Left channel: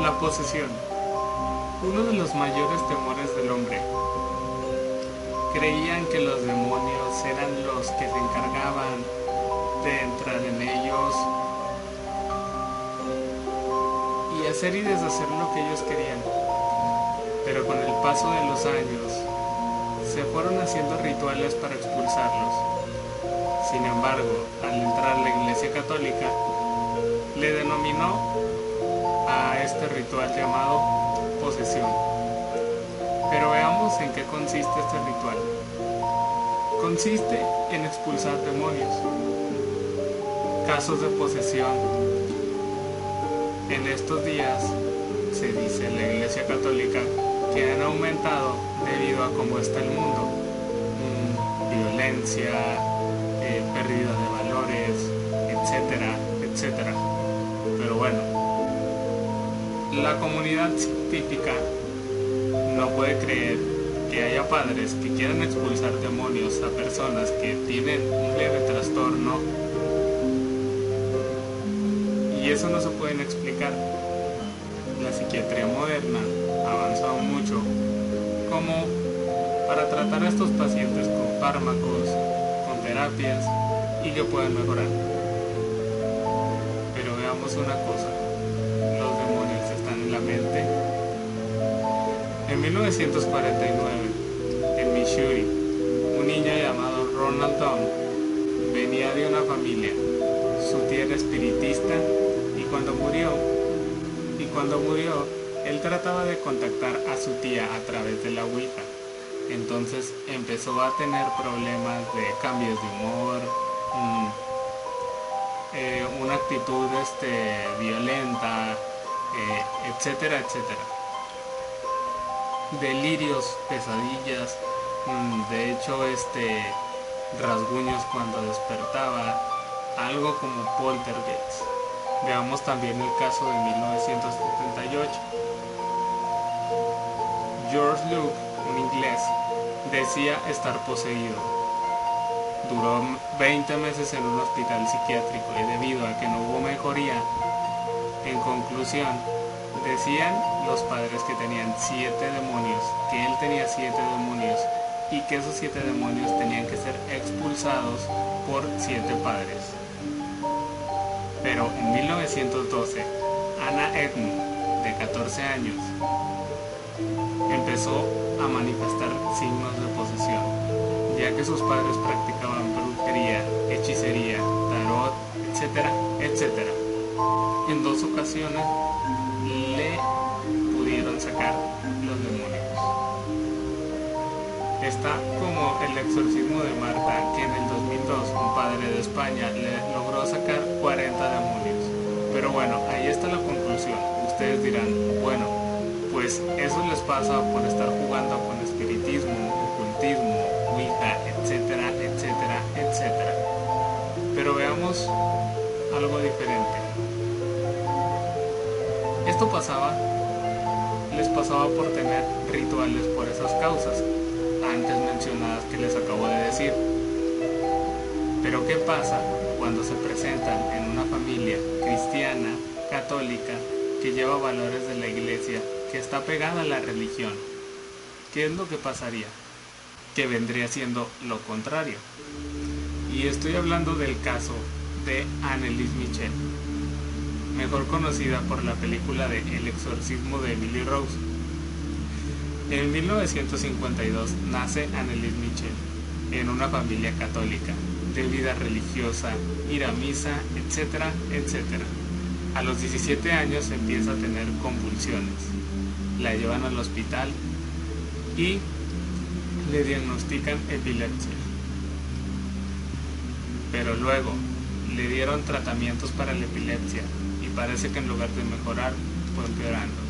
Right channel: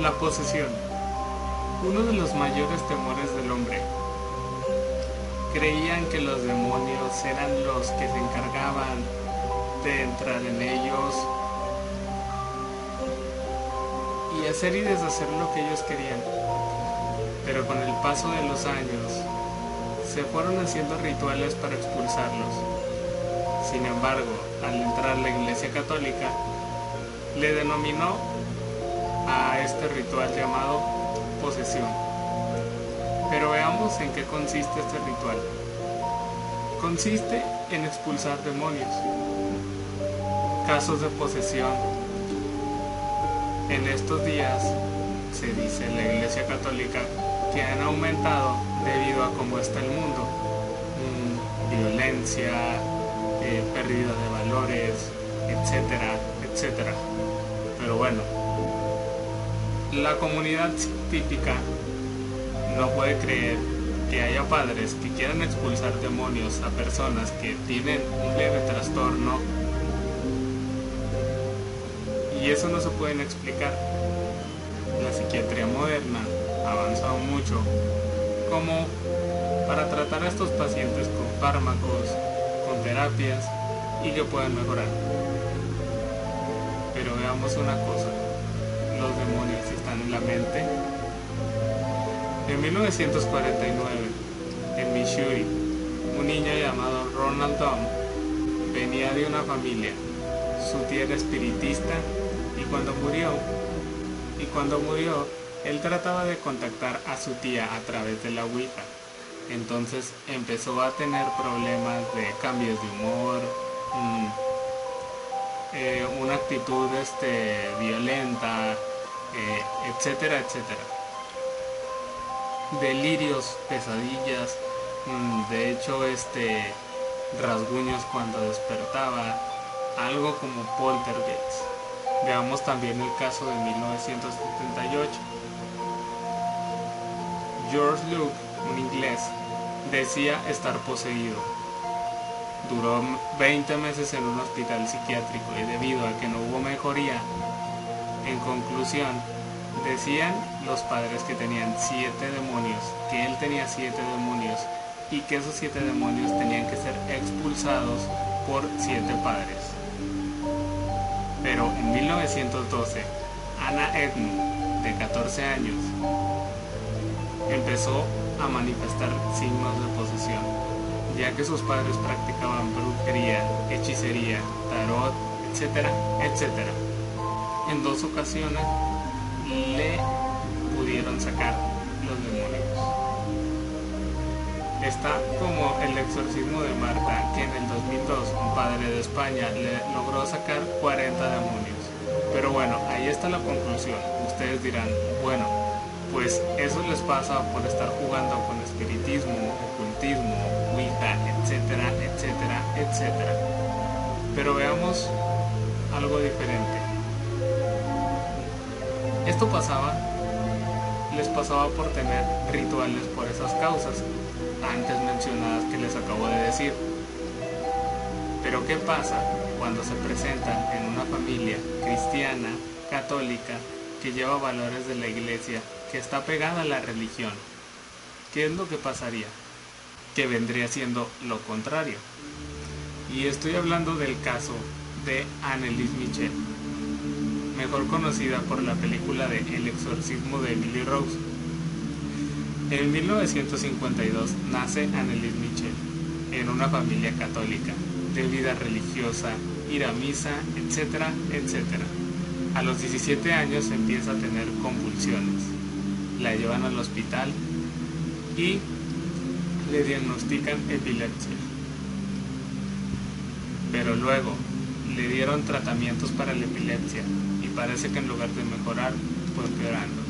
La posesión, uno de los mayores temores del hombre. Creían que los demonios eran los que se encargaban de entrar en ellos y hacer y deshacer lo que ellos querían. Pero con el paso de los años, se fueron haciendo rituales para expulsarlos. Sin embargo, al entrar la Iglesia Católica, le denominó a este ritual llamado posesión. Pero veamos en qué consiste este ritual. Consiste en expulsar demonios. Casos de posesión. En estos días, se dice en la Iglesia Católica, que han aumentado debido a cómo está el mundo. Violencia, pérdida de valores, etcétera, etcétera. Pero bueno, la comunidad científica no puede creer que haya padres que quieran expulsar demonios a personas que tienen un leve trastorno, y eso no se pueden explicar. La psiquiatría moderna ha avanzado mucho como para tratar a estos pacientes con fármacos, con terapias, y que puedan mejorar. Pero veamos una cosa, los demonios están en la mente. En 1949, en Missouri, un niño llamado Ronald Dunn venía de una familia. Su tía era espiritista y cuando murió, él trataba de contactar a su tía a través de la Ouija. Entonces empezó a tener problemas de cambios de humor, una actitud violenta, etcétera, etcétera. Delirios, pesadillas, de hecho rasguños cuando despertaba, algo como poltergeist. Veamos también el caso de 1978. George Luke, un inglés, decía estar poseído. Duró 20 meses en un hospital psiquiátrico y debido a que no hubo mejoría, en conclusión, decían los padres que tenían 7 demonios, que él tenía 7 demonios y que esos 7 demonios tenían que ser expulsados por 7 padres. Pero en 1912, Anna Edmund, de 14 años, empezó a manifestar signos de posesión, ya que sus padres practicaban brujería, hechicería, tarot, etcétera, etcétera. En 2 ocasiones le pudieron sacar los demonios. Está como el exorcismo de Marta, que en el 2002 un padre de España le logró sacar 40 demonios. Pero bueno, ahí está la conclusión. Ustedes dirán, bueno, pues eso les pasa por estar jugando con espiritismo, ocultismo, Ouija, etcétera, etcétera, etcétera. Pero veamos algo diferente. Esto les pasaba por tener rituales por esas causas antes mencionadas que les acabo de decir. Pero ¿qué pasa cuando se presentan en una familia cristiana, católica, que lleva valores de la iglesia, que está pegada a la religión? ¿Qué es lo que pasaría? Que vendría siendo lo contrario. Y estoy hablando del caso de Anneliese Michel, mejor conocida por la película de El exorcismo de Emily Rose. En 1952 nace Anneliese Michel en una familia católica, de vida religiosa, ir a misa, etcétera, etcétera. A los 17 años empieza a tener convulsiones. La llevan al hospital y le diagnostican epilepsia. Pero luego le dieron tratamientos para la epilepsia y parece que en lugar de mejorar fue empeorando,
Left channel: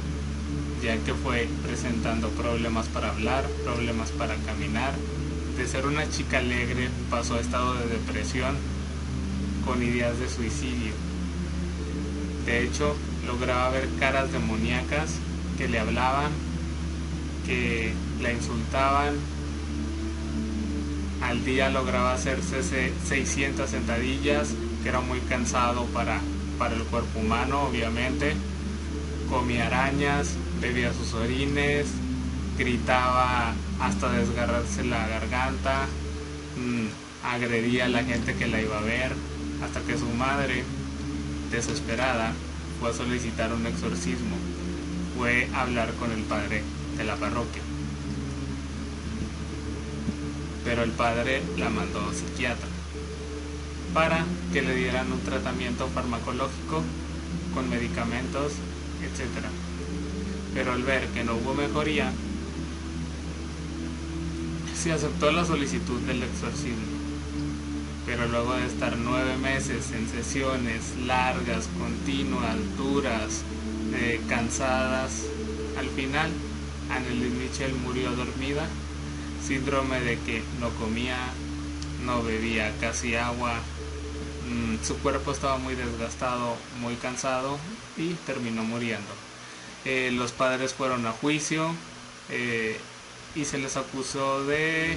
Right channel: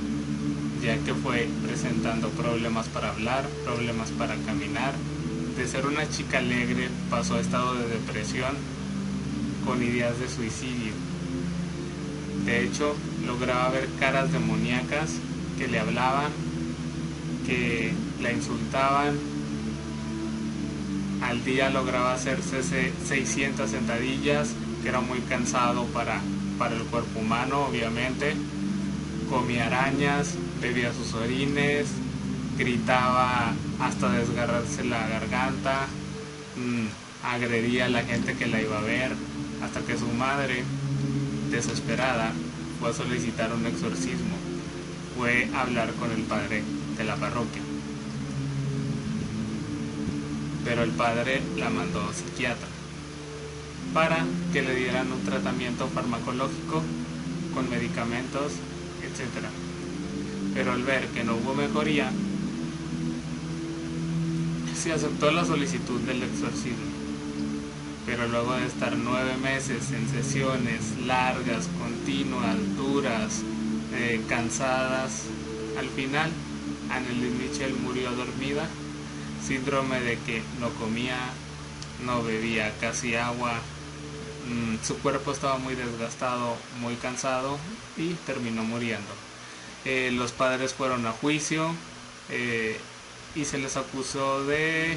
ya que fue presentando problemas para hablar, problemas para caminar. De ser una chica alegre pasó a estado de depresión con ideas de suicidio. De hecho, lograba ver caras demoníacas que le hablaban, que la insultaban. Al día lograba hacerse 600 sentadillas, que era muy cansado para el cuerpo humano, obviamente. comía arañas, bebía sus orines, gritaba hasta desgarrarse la garganta, agredía a la gente que la iba a ver, hasta que su madre, desesperada, fue a solicitar un exorcismo, fue a hablar con el padre de la parroquia. Pero el padre la mandó a psiquiatra para que le dieran un tratamiento farmacológico con medicamentos, etc. Pero al ver que no hubo mejoría, se aceptó la solicitud del exorcismo. Pero luego de estar 9 meses en sesiones largas, continuas, duras, cansadas, al final Anneliese Michel murió dormida, síndrome de que no comía, no bebía casi agua, su cuerpo estaba muy desgastado, muy cansado y terminó muriendo. Los padres fueron a juicio y se les acusó de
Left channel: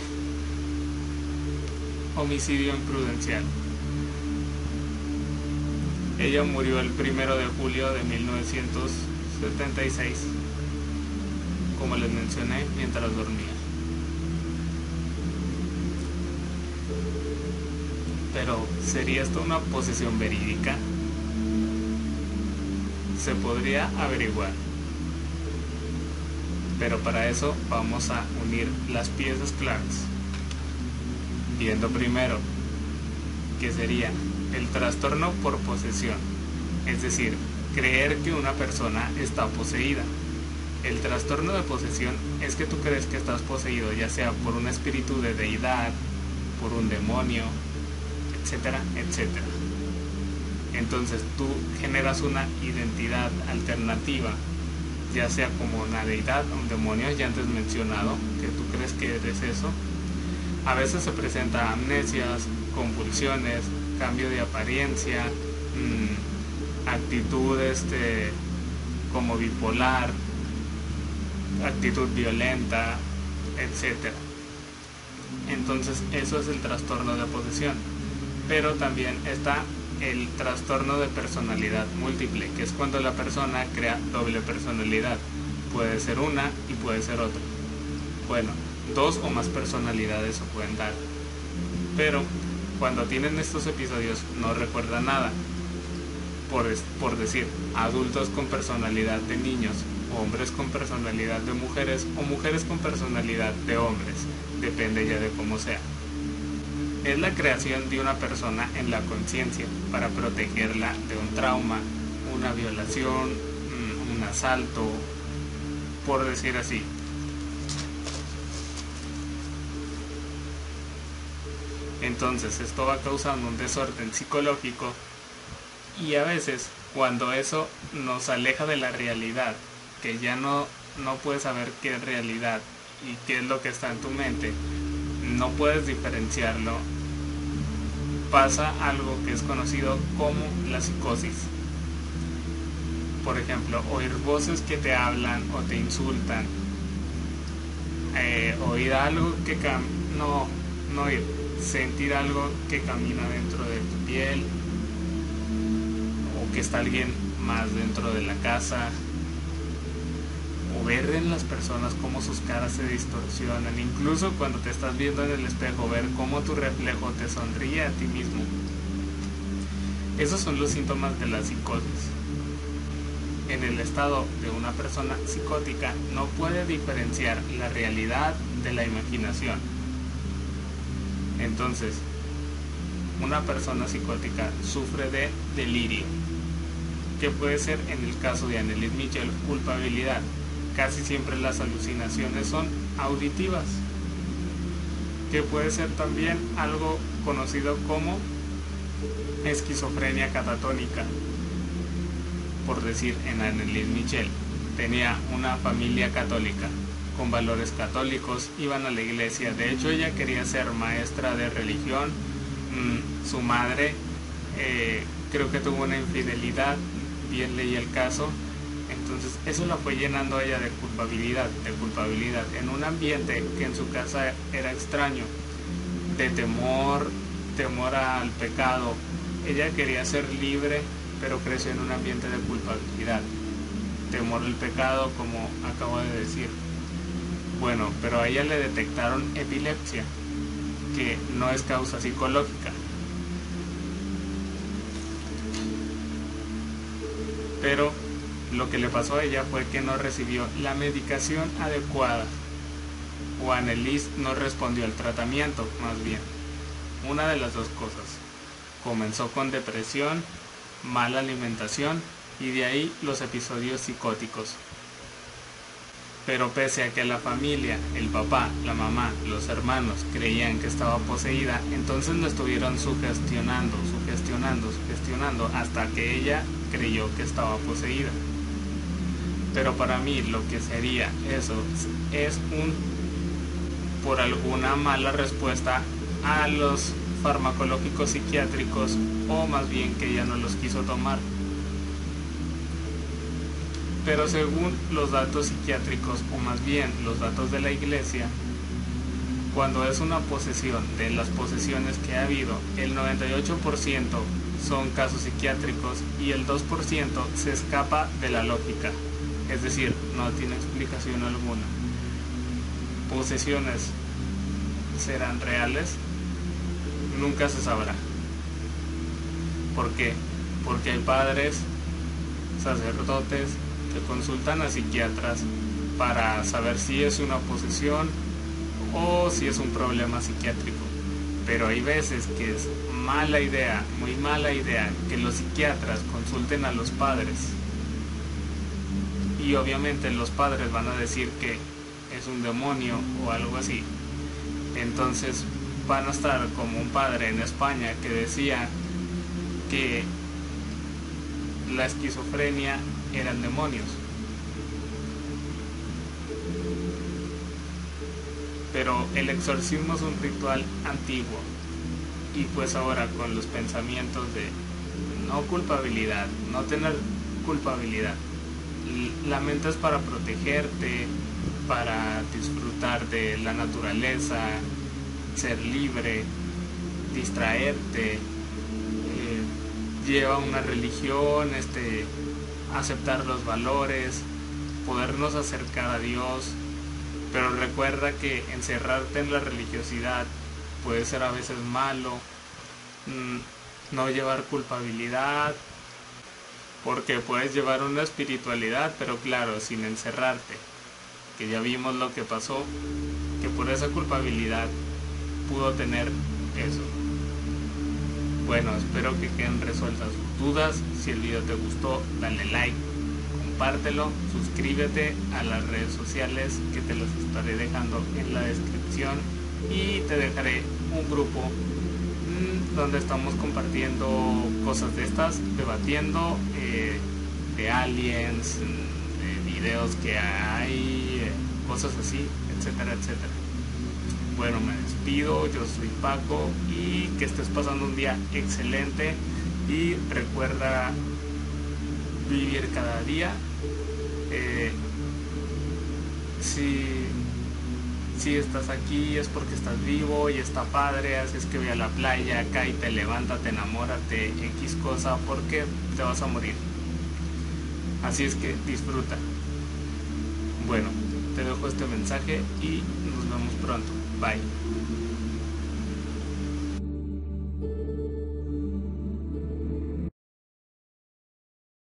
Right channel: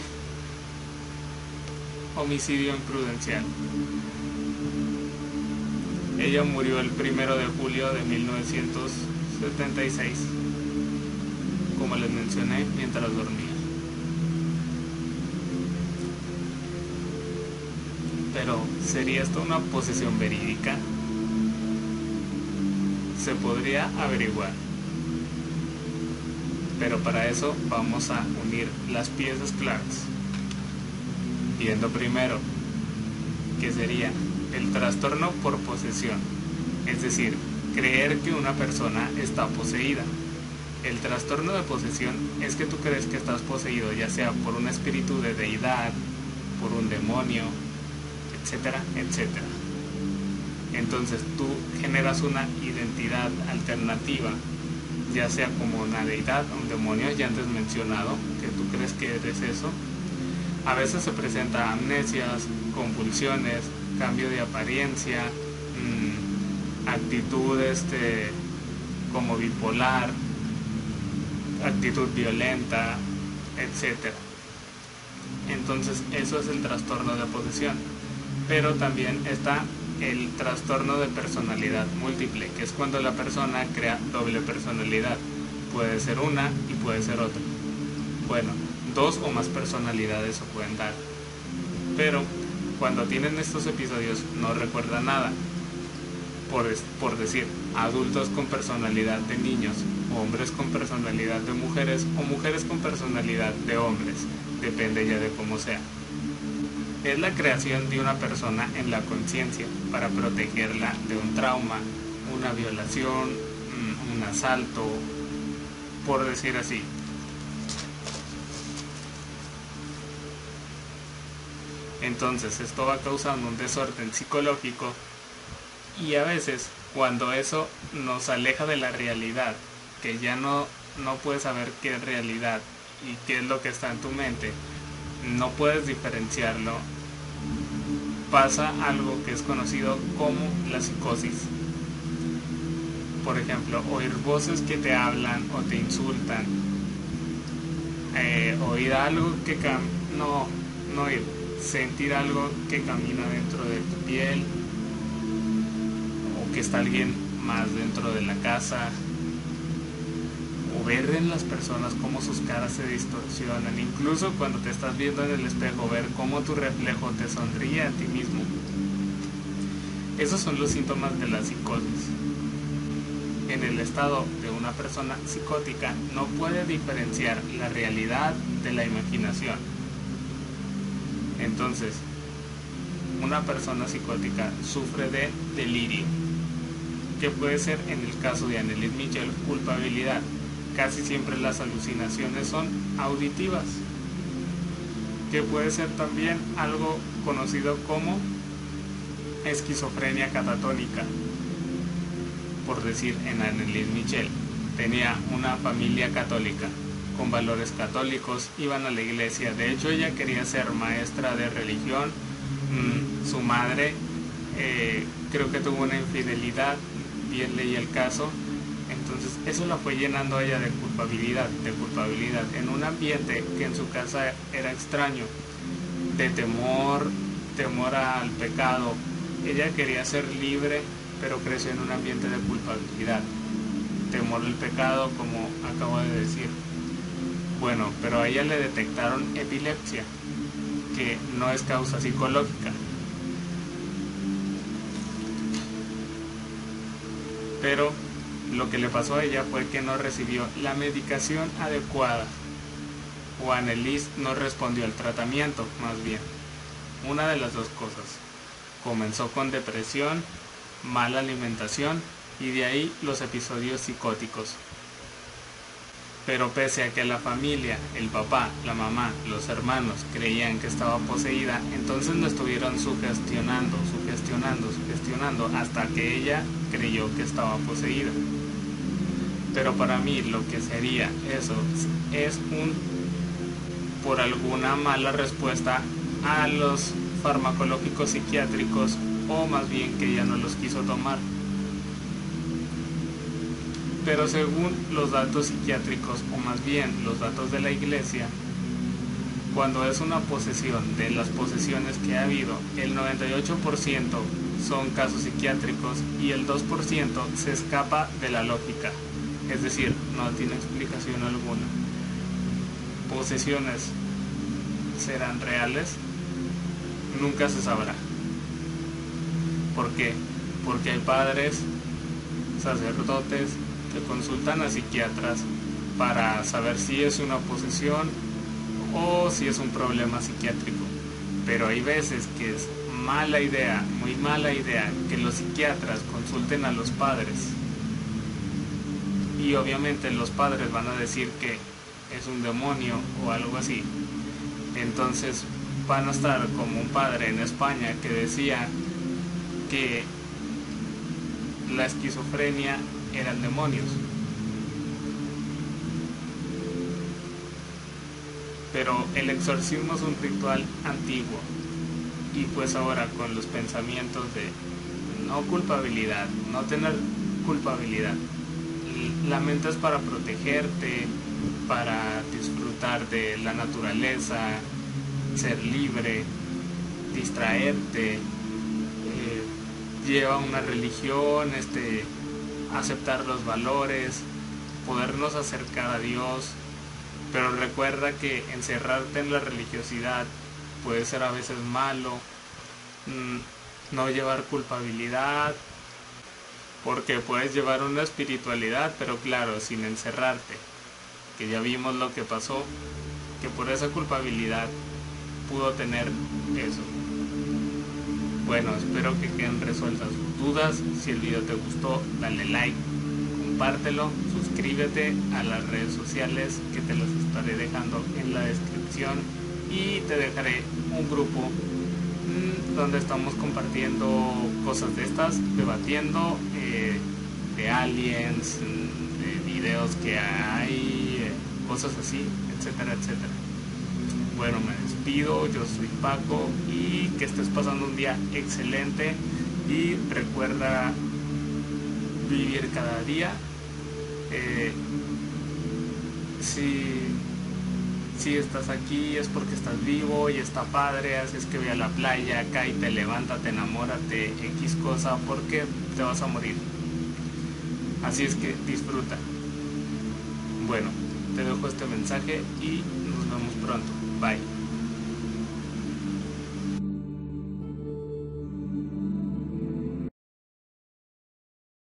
homicidio imprudencial. Ella murió el 1 de julio de 1976, como les mencioné, mientras dormía. Pero, ¿sería esto una posesión verídica? Se podría averiguar. Pero para eso vamos a unir las piezas claves. Viendo primero que sería el trastorno por posesión, es decir, creer que una persona está poseída. El trastorno de posesión es que tú crees que estás poseído, ya sea por un espíritu de deidad, por un demonio, etcétera, etcétera. Entonces tú generas una identidad alternativa, ya sea como una deidad, un demonio, ya antes mencionado, que tú crees que eres eso. A veces se presenta amnesias, convulsiones, cambio de apariencia, actitudes como bipolar, actitud violenta, etc. Entonces eso es el trastorno de posesión. Pero también está el trastorno de personalidad múltiple, que es cuando la persona crea doble personalidad. Puede ser una y puede ser otra. Bueno, 2 o más personalidades se pueden dar. Pero cuando tienen estos episodios no recuerdan nada. Por decir, adultos con personalidad de niños, hombres con personalidad de mujeres o mujeres con personalidad de hombres. Depende ya de cómo sea. Es la creación de una persona en la conciencia para protegerla de un trauma, una violación, un asalto, por decir así. Entonces esto va causando un desorden psicológico y a veces cuando eso nos aleja de la realidad, que ya no puedes saber qué es realidad y qué es lo que está en tu mente, no puedes diferenciarlo, pasa algo que es conocido como la psicosis. Por ejemplo, oír voces que te hablan o te insultan, oír algo que sentir algo que camina dentro de tu piel, o que está alguien más dentro de la casa, o ver en las personas cómo sus caras se distorsionan, incluso cuando te estás viendo en el espejo, ver cómo tu reflejo te sonríe a ti mismo. Esos son los síntomas de la psicosis. En el estado de una persona psicótica no puede diferenciar la realidad de la imaginación. Entonces, una persona psicótica sufre de delirio, que puede ser, en el caso de Anneliese Michel, culpabilidad. Casi siempre las alucinaciones son auditivas, que puede ser también algo conocido como esquizofrenia catatónica. Por decir, en Anneliese Michel tenía una familia católica con valores católicos, iban a la iglesia, de hecho ella quería ser maestra de religión, su madre creo que tuvo una infidelidad, bien leí el caso, entonces eso la fue llenando a ella de culpabilidad, en un ambiente que en su casa era extraño, de temor al pecado. Ella quería ser libre, pero creció en un ambiente de culpabilidad. temor al pecado, como acabo de decir. Bueno, pero a ella le detectaron epilepsia, que no es causa psicológica. Pero lo que le pasó a ella fue que no recibió la medicación adecuada, o Anneliese no respondió al tratamiento, más bien. Una de las dos cosas. Comenzó con depresión, mala alimentación y de ahí los episodios psicóticos. Pero pese a que la familia, el papá, la mamá, los hermanos creían que estaba poseída, entonces lo estuvieron sugestionando hasta que ella creyó que estaba poseída. Pero para mí lo que sería eso es por alguna mala respuesta a los farmacológicos psiquiátricos, o más bien que ella no los quiso tomar. Pero según los datos psiquiátricos, o más bien los datos de la iglesia, cuando es una posesión, de las posesiones que ha habido, el 98% son casos psiquiátricos y el 2% se escapa de la lógica, es decir, no tiene explicación alguna. ¿Posesiones serán reales? Nunca se sabrá. ¿Por qué? Porque hay padres, sacerdotes, que consultan a psiquiatras para saber si es una posesión o si es un problema psiquiátrico. Pero hay veces que es mala idea, muy mala idea, que los psiquiatras consulten a los padres. Y obviamente los padres van a decir que es un demonio o algo así. Entonces van a estar como un padre en España que decía que la esquizofrenia eran demonios. Pero el exorcismo es un ritual antiguo, y pues ahora con los pensamientos de no culpabilidad, no tener culpabilidad, la mente es para protegerte, para disfrutar de la naturaleza, ser libre, distraerte, lleva una religión, aceptar los valores, podernos acercar a Dios. Pero recuerda que encerrarte en la religiosidad puede ser a veces malo, no llevar culpabilidad, porque puedes llevar una espiritualidad, pero claro, sin encerrarte, que ya vimos lo que pasó, que por esa culpabilidad pudo tener eso. Bueno, espero que queden resueltas sus dudas. Si el video te gustó, dale like, compártelo, suscríbete a las redes sociales que te las estaré dejando en la descripción, y te dejaré un grupo donde estamos compartiendo cosas de estas, debatiendo de aliens, de videos que hay, cosas así, etcétera, etcétera. Bueno, me despido, yo soy Paco, y que estés pasando un día excelente, y recuerda vivir cada día. Si estás aquí es porque estás vivo y está padre, así es que ve a la playa, cáete, levántate, enamórate, X cosa, porque te vas a morir. Así es que disfruta. Bueno, te dejo este mensaje y nos vemos pronto. Bye.